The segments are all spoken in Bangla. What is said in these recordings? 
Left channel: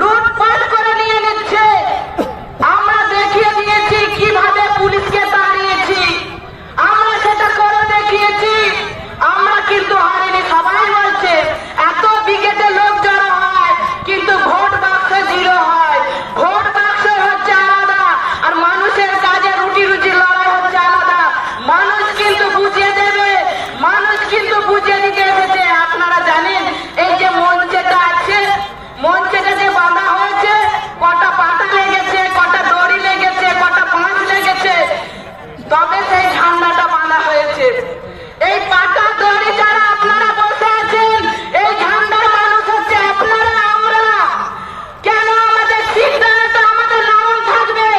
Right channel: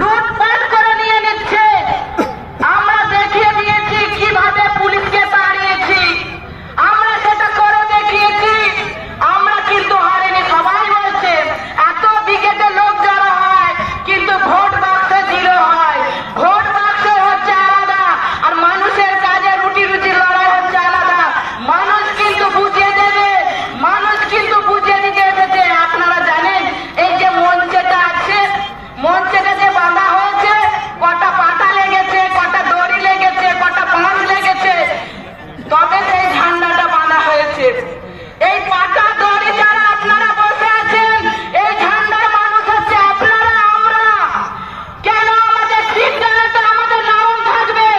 লুটপাট করে নিয়ে নিচ্ছে। আমরা দেখিয়ে দিয়েছি কিভাবে পুলিশকে তাড়িয়েছি, আমরা সেটা করে দেখিয়েছি। আমরা কিন্তু হারিনি। সবাই বলছে এত বিকেটে লোক জড়ো হয় কিন্তু ভোট বাক্স জিরো হয়। ভোট বাক্স হচ্ছে আলাদা আর মানুষের কাজে রুটি রুটি লড়াই হচ্ছে আলাদা। মানুষ কিন্তু বুঝিয়ে দেবে, মানুষ কিন্তু বুঝিয়ে দিতে এসেছে। আপনারা জানেন এই যে মঞ্চেটা আছে, মঞ্চেটা যে বাঁধা হয়েছে, কটা পাতা লেগেছে, কটা দড়ি লেগেছে, কটা বাঁশ লেগেছে, তবে সেই ঝান্ডাটা বাঁধা হয়েছে। এই পাতা দড়ি যারা আপনারা বসে আছেন, এই ঝান্ডার মানুষ হচ্ছে আপনারা, আমরা। কেন আমাদের সিদ্ধান্ত আমাদের নাম থাকবে?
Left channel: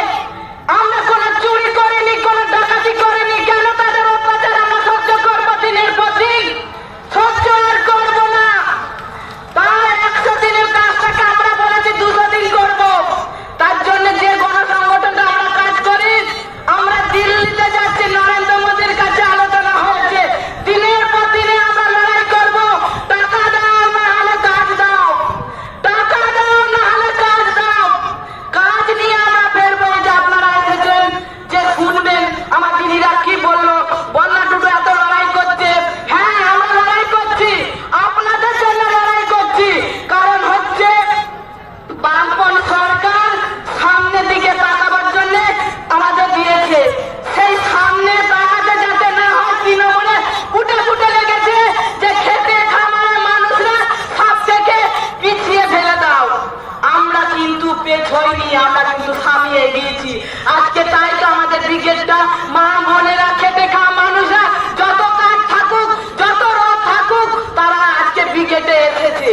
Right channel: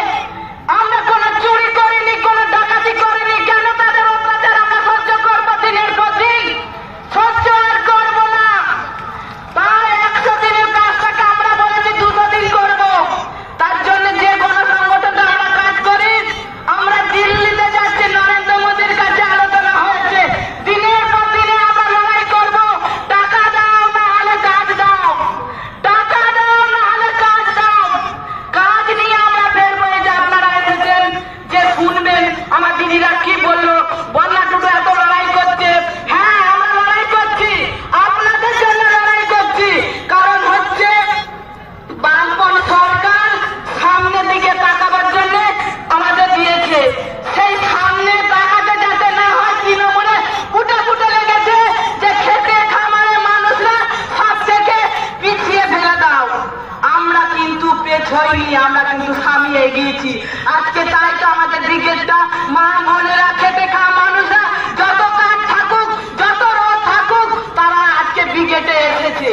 আমরা কোনো চুরি করিনি, কোনো ডাকাতি করিনি। কেন তাদের অত্যাচার আমরা সহ্য করবো? দিনের পর দিন সহ্য আর করবো না। তাই 100 দিনের কাজটাকে আমরা বলেছি 200 দিন করবো। তার জন্য যে গণসংগঠনটা আমরা কাজ করি, আমরা দিল্লিতে যাচ্ছি, নরেন্দ্র মোদীর কাছে আলোচনা হয়েছে। দিনের পর দিনে আমরা লড়াই করবো। টাকা দাও না হলে কাজ দাও, টাকা দাও না হলে কাজ দাও। কাজ নিয়ে আমরা ফেরবো। যে আপনারা এসেছেন, যে শুনবেন আমার দিদিরা কি বললো, বন্যা টুটু এত লড়াই করছে। হ্যাঁ, আমরা লড়াই করছি, আপনাদের জন্য লড়াই করছি। কারণ হচ্ছে বামপন সরকার সামনের দিকে তাকাবার জন্য আমাদের দিয়েছে। সেই সামনে তাকাতে যাতে না হয়, তৃণমূলে ফুটে ফুটে লেগেছে যে খেতে খামারের মানুষরা সব থেকে পিছিয়ে ফেলে দাও। আমরা কিন্তু পেছয়নি, আমরা কিন্তু সামনে এগিয়েছি। আজকে তাই তো আমাদের ব্রিগেডটা, মা বোনেরা, খেতে খাওয়া মানুষরা, যত কাজ থাকুক, যত রোদ থাকুক, তারা আজকে ব্রিগেডে এসেছে।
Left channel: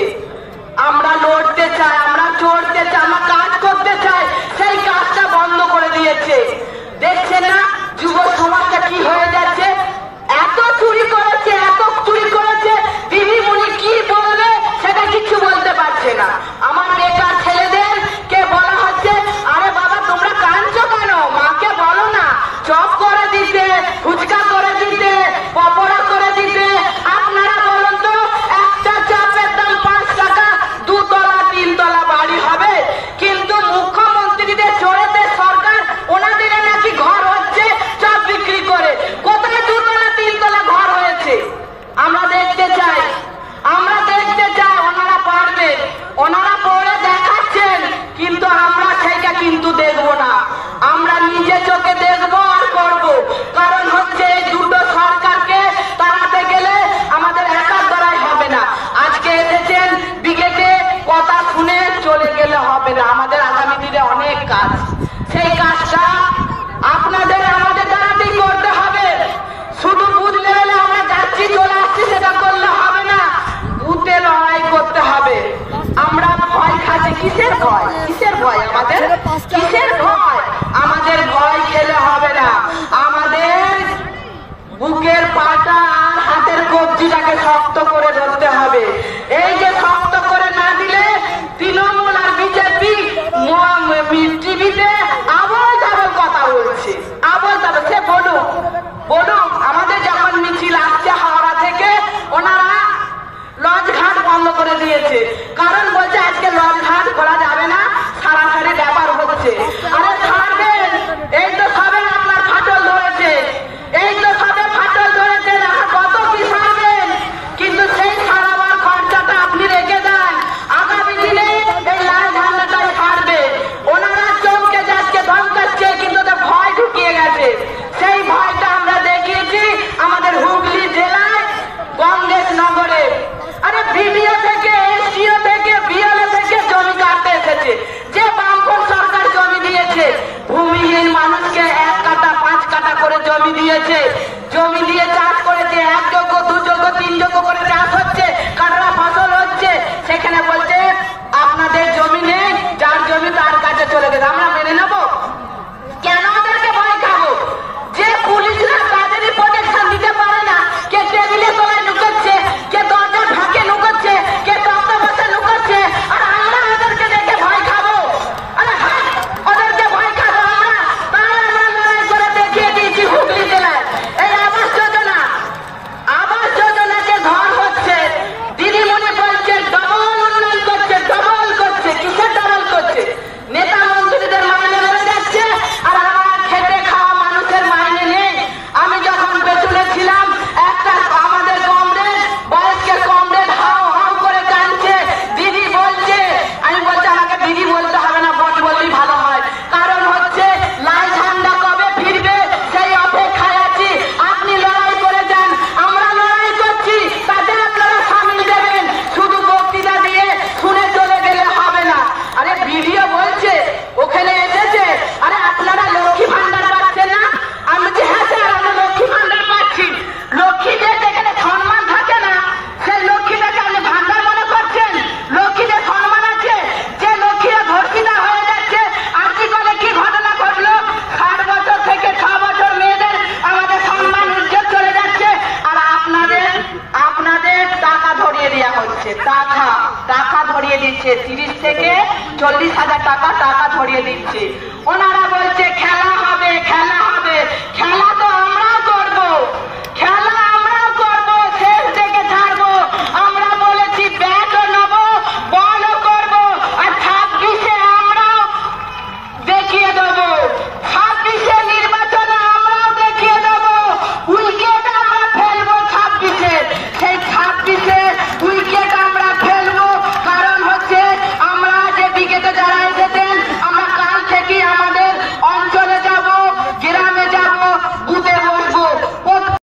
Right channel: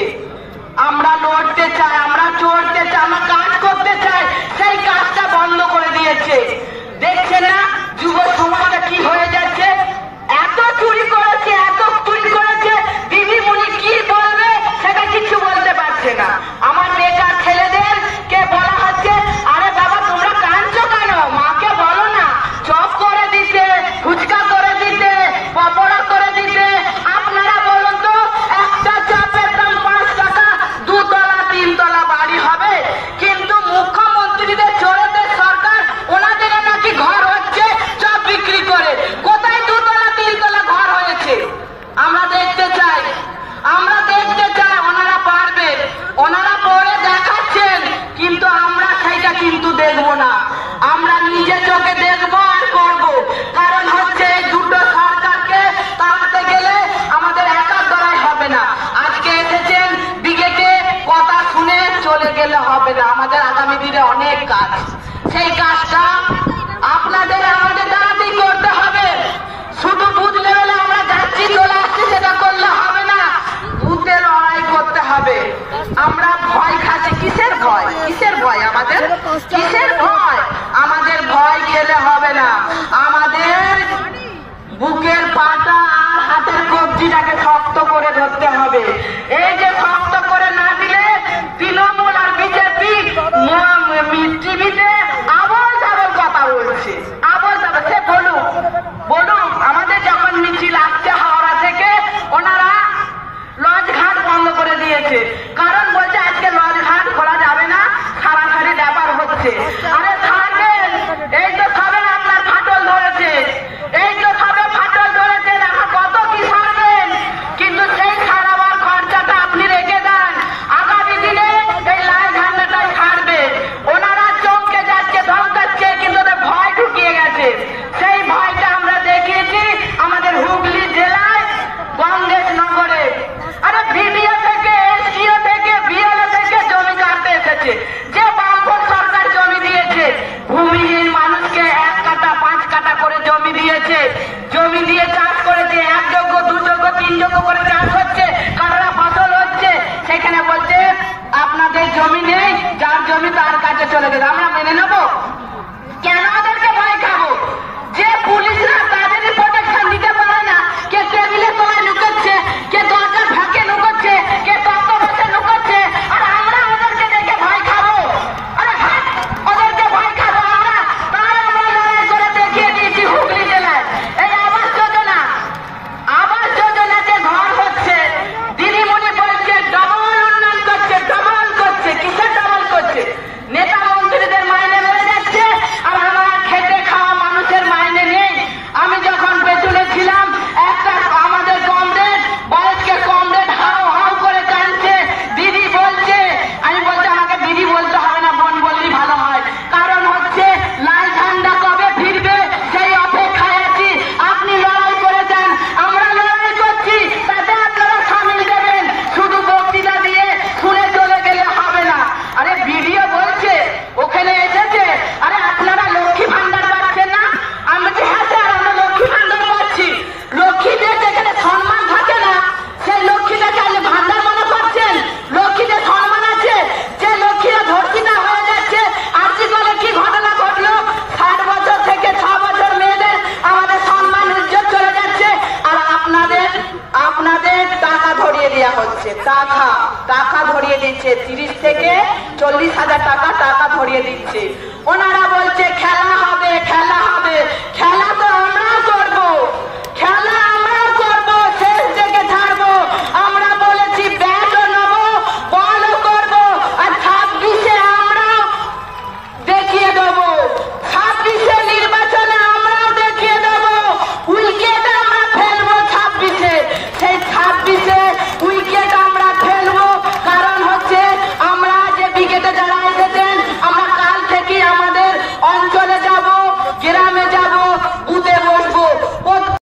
আমরা লড়তে চাই, আমরা চড়তে চাই, আমরা কাজ করতে চাই। সেই কাজটা বন্ধ করে দিয়েছে। দেখছে না যুব সমাজটা কি হয়ে যাচ্ছে? এত চুরি করেছে, এত চুরি করেছে, দিদিমণি কি বলবে সেটা কিছু বলতে পারছে না। আমার বেকার ছেলেদের কে বলা হচ্ছে, আরে বাবা তোমরা কাঁদছো কেন? মাকে বলো না চপ করে দিতে, ফুচকা করে দিতে, পকোড়া করে দিতে। আপনারা বলুন তো, একটা চপের দাম 5 টাকা, 2 তলা 3 তলা বাড়ি হবে। কিন্তু মুখ্যমন্ত্রীদের চোরেদের সরকার, ওনাদের নাকি ঘর হচ্ছে চপ বিক্রি করে। কোথায় 2 তলা 3 তলা ঘর হয়েছে? আমরা দেখতে চাই, আমরা দেখতে চাই। ওনারা পারবে, ওনারা পরে দেখাচ্ছেন, কিন্তু আমরা সেইটা কিন্তু দেখবো না। আমরা নিজে চোখে দেখবো আর করবো। কারণ হচ্ছে এই দুটো সরকারকে তাড়াতে গেলে আমাদের একার দ্বারাই হবে না। আজকে এসেছেন ব্রিগেডে, কথা শুনে চলে গেলে হবে না। আমাদের আগামী দিনে অনেক কাজ, সেই কাজটা আপনাদের আমাদের দ্বারাতেই করতে হবে। শুধু বুথ লেভেলে আমরা যাচ্ছি চলে আসছি সেটা করলে হবে না, বুথে লড়াই করতে হবে। আমরা ভয় খাচ্ছি, কিসের ভয়? কিসের ভয় আমাদের? কিসের ভয়? আমাদের ভয় খেলে হবে না। আমাদের বুকের পাটা আর হাতের কবজিটাকে শক্ত করে ধরতে হবে। এই যে শক্ত করে না দিলে তৃণমূল আর বিজেপি টিভিতে আবার যাবে কথা বলছে, আবার যাবে। সে বলুক, বলুক। আমাদের যখন মিছিল আসছে হাওড়া থেকে, ওনারা লঞ্চ ঘাট বন্ধ করে দিয়েছে। কারণ বলছে আজকে লঞ্চ ঘাট খোলা যাবে না, সারাসারি ব্যাপার হচ্ছে। আরে ছাড়বেন, এই তো সবে আপনার ফাটল ধরেছে, এই তো সবে ফাটল ধরেছে। এখন কত কি ছাড়বেন? কিন্তু সেই ছাড়াবার খরচাটা আপনি রেখে দেন। আগামী দিনে এই লাল ঝান্ডাটাই ছাড়বে। ওনারা চমকে যাচ্ছে, ধমকাচ্ছে, কিন্তু ওদের ভয় ঢুকিয়ে গেছে। সেই ভয়টা আমরা দেখিয়েছি আমাদের হুগলি জেলায় কংগ্রেস নগরে। আরে ভিডিও থেকে, এসডিও থেকে, বিএলও থেকে জমি কাটতে এসেছে। যে বামপন সরকার জমি দিয়েছে, ভূমিহীন মানুষকে 1 কাঠা 5 কাঠা করে জমি দিয়েছে। জমি দিয়ে চাষ করেছে, 1 যোগ্য 2 যোগ্য 3 যোগ্য করে চাষ হচ্ছে, কাঁকড়া ফসল হচ্ছে। সেখানে বলছে আপনাদের জমি নেই, যার জমি তার কাছে চলে গেছে। আমরা মেনে নেবো? কেন ওদেরকে ভয় খাবো? যে পুলিশরা তাদেরই প্রোটেকশন দিতে পারে না, কে টেবিলের তলায় লুকোচ্ছে, কে দরজার ফাঁকে লুকোচ্ছে, কে তক্ত বসে লুকোচ্ছে, আর আমরা ওদেরকে দেখে ভয় খাবো? 40,000 টাকা ধরিয়ে দিচ্ছে। ওনারা বলছে খেলা হবে, খেলা হবে, খেলা